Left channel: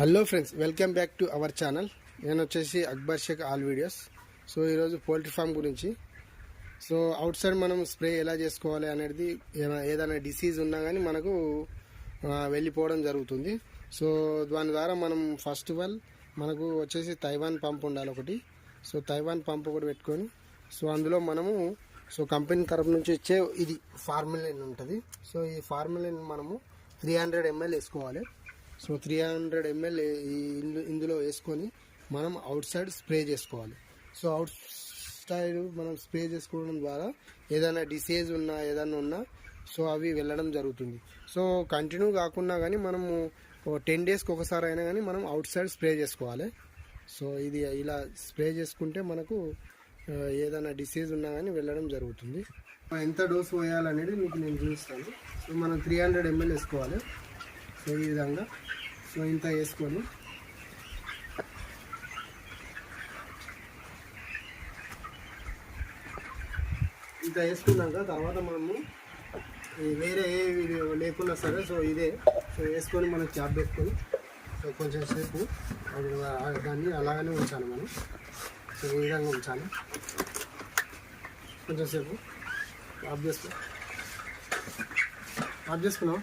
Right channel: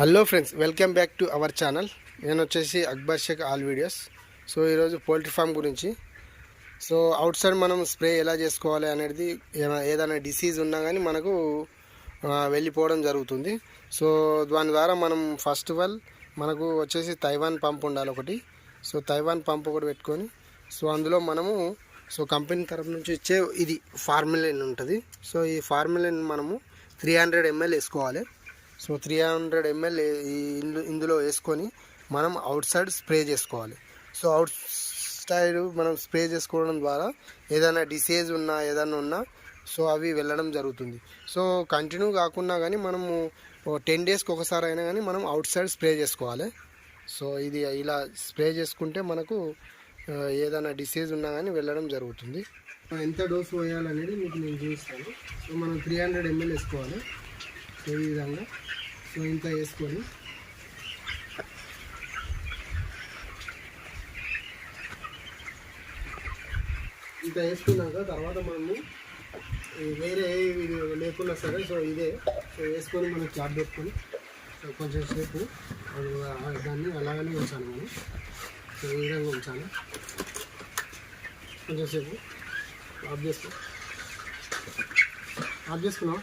Hello friends, welcome back to our channel. నేను వచ్చేసి Akbar Shaikh all videos. So ఈరోజు poultry farm గురించి. సో అవుట్ సైడ్ మనం స్ప్రే ఎలా చేసుకోవాలి అనేది, ఏదైనా డిసీజ్ ఉన్నా కానీ మనకు వెళ్ళిపోవడం జరుగుతుంది. సో దాని ద్వారా మనం ఫస్ట్ ఆఫ్ ఆల్ మనకు వచ్చేసి తైవాన్ పంప్ ఉండాలి ఒకటి. సో తైవాన్ పంప్ ఒకటి పెట్టుకొని, సో అందులో మనము కంపెనీ తరపు నుంచి ఇచ్చే ఇది ఫార్ములిన్ ఉంటుంది. సో ఈ ఫార్ములిన్ మనము 300 ml వేసుకోవాలి. సో 300 ml ఇందులో వేసుకొని మనం అవుట్ సైడ్ స్ప్రే చేసుకోవాలి. సో అవుట్ సైడ్ మనం స్ప్రే చేసుకోవడం ద్వారా ఏదైనా డిసీజ్ ఉన్నా ఏదైనా ఉన్నా సో అవి వెళ్ళడం జరుగుతుంది. సో కంటిన్యూ కాకుండా కానీ మనము 10 daysకి ఒకసారి అయినా కానీ మనం అవుట్ సైడ్ స్ప్రే చేసుకోవాలి. సో ఇది ఇలా స్ప్రే చేసుకుంటే మనకు ఏదైనా డిసీజ్ ఉన్నా కానీ వెళ్ళడం జరుగుతుంది. ఎంత డోసు వేయాలనేది మీకు నేను చూపిస్తాను. సో మనం 300 ml వేసుకోవాలి. సో ఈ విధంగా సో ఇంత వేసుకొని ఇంత వేసుకున్నాక తర్వాత మనము వేరే లేకున్నా సరే సో ఇదే సో వేసుకొని మనం క్యాప్ పెట్టుకొని సో కొంచెం సేపు దాన్ని అలాగనే ఉంచాలి మనం. సో ఈ విధంగా ఉంచాలి. కొంచెం సేపు ఆఫ్ చేసుకున్నాం.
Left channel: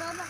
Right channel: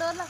डोला